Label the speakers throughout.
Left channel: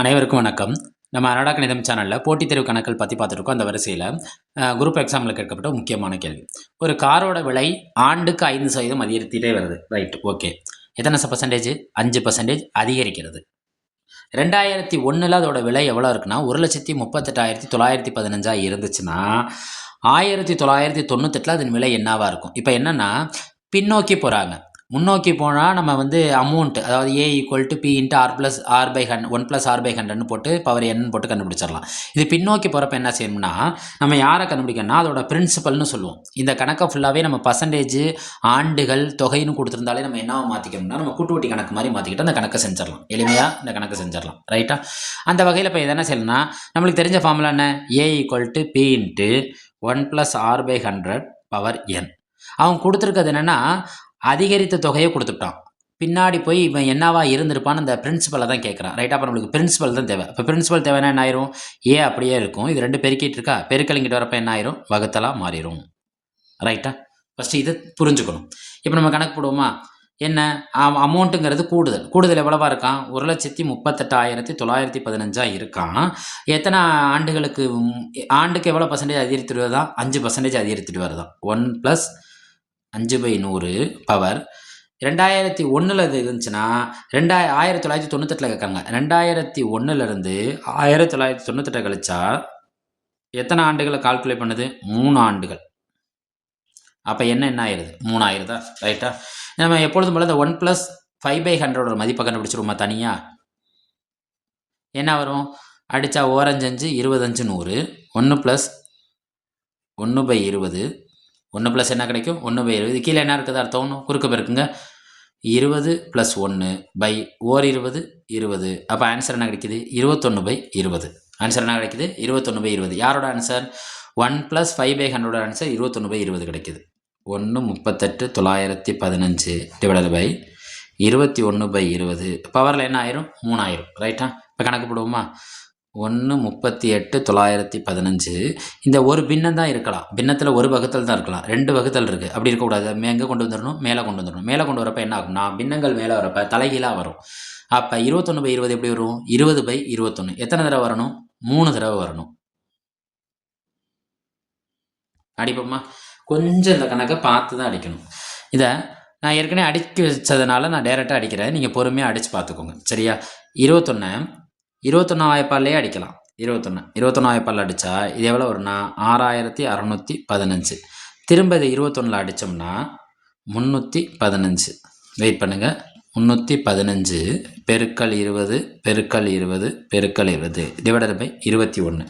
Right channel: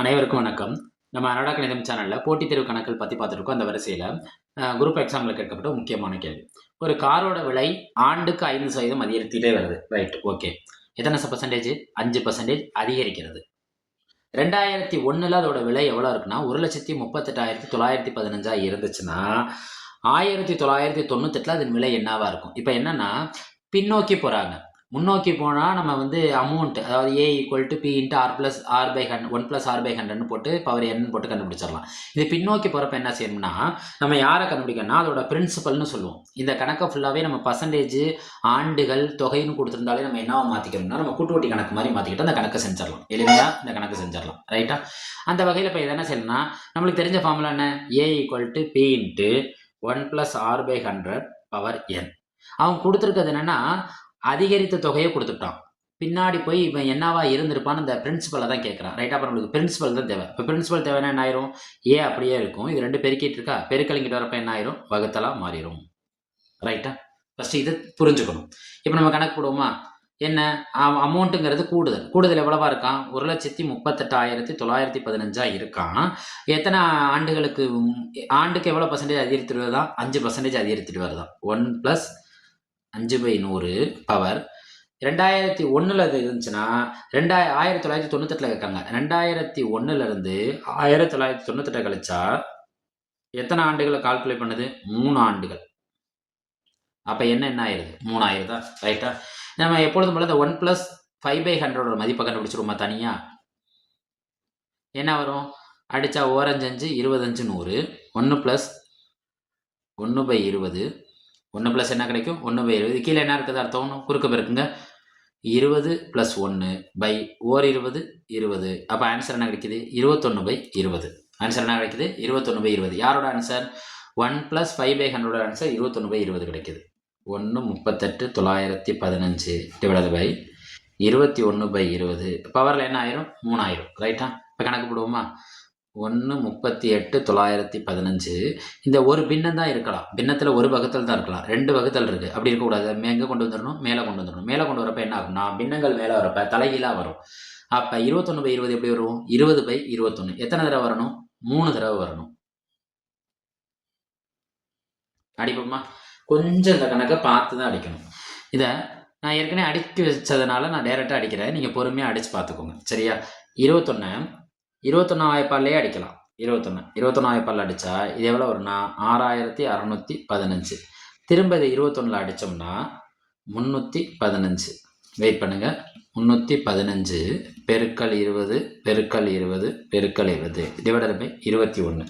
Speaker 1: அனைவருக்கும் வணக்கம். நம்ம அனடா கணிதம் சேனலில் போட்டித் தேர்வு கணக்கள் பற்றி பார்த்துருக்கோம் அந்த வரிசையில் குரூப் எக்ஸாமில் கேட்கப்பட்ட முக்கியமான கேள்வி. ஒரு காரோட விலை ஆண்டுக்கு ஐந்து சதவீதம் அதிகரித்துட்டே வருது. ரைட் ஓகே எத்தனை பர்சன்டேஜ் அஞ்சு பர்சன்டேஜ் அதிகரிக்கிறது. ரெண்டாயிரத்தி ஒன்றில் அதோட விலை எவ்வளோ இருக்குன்னா ஒரு லட்சத்தி முப்பத்தெட்டாயிரத்தி தொள்ளாயிரத்தி பதினஞ்சாக இருந்துச்சுன்னா ஆயிரத்தி தொள்ளாயிரத்தி தொண்ணூத்தெட்டில் அதன் விலை என்னவாக இருக்கும்? இப்போ என்னென்னா பின்னோக்கி போகிறாங்க முன்னோக்கி போனால் நம்ம வந்து அமௌண்ட் அதாவது A equal to P into R plus R by hundred one plus R by ஹண்ட்ரட்னு போட்டு பவர் என்னு போட்டு கண்டுபிடிச்சிடலாம். இது பின்னோக்கி போகிறப்ப என்ன செய்யணும்னா நம்ம யாரை கண்டுபிடிக்கணும்னா அதோட பிரின்சிபல்னு சொல்லுவோம். இந்த கணக்கை ஃபுல்லாகவே நம்ம பர்சன்டேஜ் ஆண்டுகள் தொகைன்னு கொடுத்துருந்தாலே நம்ம என்னவா மாற்றிக்கணும்னா நம்ம கூட்டுவட்டி கணக்கு மாதிரி மாற்றிக்கிட்டு அந்த கணக்கை செஞ்சிடலாம். எளிமையாக இந்த கணக்கு செஞ்சிடலாம். ரைட்டா அந்த வகையில் இப்போ என்ன செய்யணும்னா நம்மளுக்கு தெரிஞ்ச ஃபார்முலா என்ன? A equal to P into one plus R by hundred power N அவங்க கொடுத்துருக்கிறது என்னென்னா அதிகரித்த தொகையை கொடுத்துட்டான். பின்னாடி போய் இவன் என்னவா இருந்திருப்பான்னு அந்த பிரின்சிபலை தான் கேட்குறான் ரைட் அப்புறம் நம்மளுக்கு பிரின்சிபல் தான் தேவை. இப்போ பிரின்சிபல் தேவைன்னா என்ன ஆயிரும்? ஏ அப்படியே இருக்கும். இது ரெண்டு பெருக்கிட்டு இருக்கா பெருக்கலிங்கிட்டு வரப்போ என்ன ஆயிரும்? வகுத்தலாக மாறிடும் ரைட்டா ஃபஸ்ட்டு இது புரிஞ்சுக்கணும். இப்போ நம்ம கணக்கு போடுவோமா? என்ன? அமௌண்ட்டுங்கிறது கூடுதல். கூடுதல் எவ்வளவா இருக்கான்? ஒரு லட்சத்தி முப்பத்தெட்டாயிரத்தி தொள்ளாயிரத்தி பதினஞ்சாக இருக்கான். எத்தனை ஆண்டுகளுக்கு ஆண்டுக்கு எவ்வளோ பர்சன்டேஜ் அதிகரித்துட்டு வருதான் அஞ்சு பர்சன்டேஜ் அதிகரித்துட்டு வருதான் ஒன் ப்ளஸ் அஞ்சு பை நூறு பவர் ரெண்டாயிரத்தி ஒன்றில் அது இருந்துச்சுன்னா ரெண்டாய ஆயிரத்தி தொள்ளாயிரத்தி தொண்ணூத்தெட்டில் கேட்காங்க ரெண்டாயிரத்தி ஒன்றுலேருந்து ஆயிரத்தி தொள்ளாயிரத்தி தொண்ணூத்தெட்டை கழிச்சா எத்தனை ஆண்டுகளை கால்குலேட் பண்ணுது? மூணு ஆண்டுகள். அப்போ என்ன என்ன ஆயிடுது மூணாயிரதா ரைட்டா நம்ம எப்பொழுதும் போல இந்த ஒன் ப்ளஸ் ஃபைவ் பை ஹண்ட்ரடோட மதிப்பை கண்டுபிடிச்சிருவோமா தனியாக என்ன வரும்? அடித்தா ஓரஞ்சஞ்சு இருபத்தஞ்சு நூறு. ஒன்று ப்ளஸ் ஒன்று பை இருபது. ஒன்று ப்ளஸ் என்ன கிடைக்கும்? ஒன்று பை இருபது. கீழே என்ன இருக்குது அர்த்தம் குறுக்கு பெருக்குங்க. இருபது ப்ளஸ் ஒன்று பை ஓர் இருபது இருபது. அப்போ ஆன்சர் என்ன கிடைக்குது? இருபத்தொன்று பை இருபது. ஆன்சர் என்ன கிடைக்குது? இருபத்தொன்று பை இருபது. யாரோட answer one plus five by ஹண்ட்ரடோட answer இருபத்தொன்று பை இருபது கிடைக்குது. ஒன்று முப்பத்தெட்டு தொள்ளாயிரத்தி பதினஞ்சு டிவைடட் பை இருபத்தி ஒன்று பை இருபது. பவரில் என்ன ஆயிரும்? மூணாயிரம். ரைட்டா இப்போ கணக்கு போடுவோமா? ஒன்று முப்பத்தி எட்டு தொள்ளாயிரத்தி பதினஞ்சு. இந்த ஒரு பின்னம் தான் இருக்கலாம். பின்னத்தில் ஒரு வகுத்தல் தான் இருக்கலாம். ரெண்டு வகுத்தல் இருக்குது அப்படி இருக்கக்கூடாது. எங்கே கொண்டு வந்துடணும் மேலே கொண்டு வந்துடணும் மேலே கொண்டு வரப்போ என்ன ஆகும்னா பின்னங்கள் மேலே வரப்போ தலைகீழாக வரும். அப்போ இருபத்தொன்று பை இருபது எப்படி வரும்? இருபது பை இருபத்தொன்று எத்தனை தடவை வரணும்? மூணு தடவை வரணும். அடிப்போமா? கொஞ்சம் இந்த கணக்கை பார்த்து தான் அடிக்கணும். இதை நான் ஏற்கனவே அடிக்க வச்சதுனால நான் டைரெக்டாக அடிக்கிறேன். நீங்கள் பொறுமையாக அடித்து பார்த்துக்கோங்க. சரியா? இருபத்தொன்று இருபத்தொன்னா வாய்ப்பாலே அடிக்கலாம். இருபத்தொன்று இருபத்தொன்னா வாய்ப்பால் அடித்தா இது எவ்வளோ வரும்னா ஆறாயிரத்தி அறநூற்றி பதினஞ்சு. திரும்ப இதை இருபத்தொன்னில் அடித்தோம்னா முந்நூற்றி பதினஞ்சு. வெயிட் பண்ணுங்கள் முந்நூற்றி பதினஞ்சு பெருக்கல் இருபது பெருக்கல் இருபது பெருக்கல் இருபது. டிவைடட் பை இருபத்தி ஒன்று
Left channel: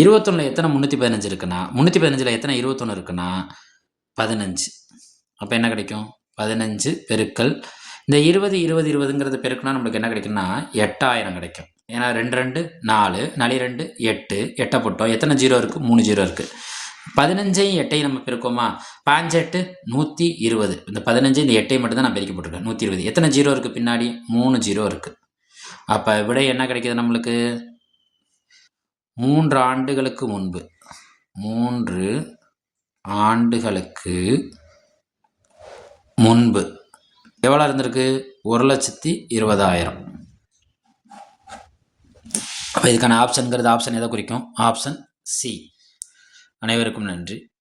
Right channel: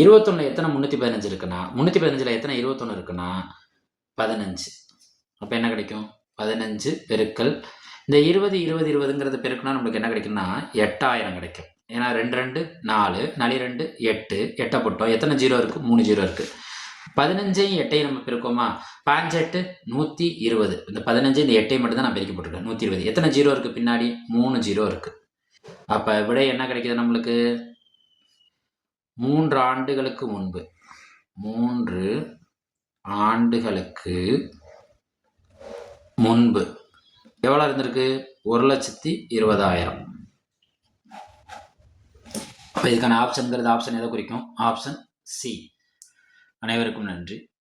Speaker 1: இருபத்தொன்னில் எத்தனை முந்நூற்றி பதினஞ்சு இருக்குன்னா முந்நூற்றி பதினஞ்சில் எத்தனை இருபத்தொன்று இருக்குன்னா பதினஞ்சு. அப்போ என்ன கிடைக்கும்? பதினஞ்சு பெருக்கல். இந்த இருபது இருபது இருபதுங்கிறது பெருக்குனா நம்மளுக்கு என்ன கிடைக்கும்னா எட்டாயிரம் கிடைக்கும். ஏன்னா ரெண்டு ரெண்டு நாலு நளி ரெண்டு எட்டு எட்டை போட்டோம். எத்தனை ஜீரோ இருக்குது மூணு ஜீரோ இருக்குது பதினஞ்சையும் எட்டையும் நம்ம பிரிக்கோமா? பாஞ்செட்டு நூற்றி இருபது. இந்த பதினஞ்சு இந்த எட்டையும் மட்டும் தான் நான் பெருக்கி போட்டிருக்கேன். நூற்றி இருபது. எத்தனை ஜீரோ இருக்குது பின்னாடி? மூணு ஜீரோ இருக்குது அப்போ விடை என்ன கிடைக்கிது நம்மளுக்கு? மூன்று ஆண்டுகளுக்கு முன்பு. மூன்று ஆண்டுகளுக்கு முன்பு. எவ்வளோ இருந்திருக்கு? ஒரு லட்சத்தி இருபதாயிரம். அப்போ இதுக்கான ஆப்ஷனுங்கிறது ஆப்ஷன் எதை குறிக்கும்? ஆப்ஷன் சி அனைவருக்கும் நன்றி.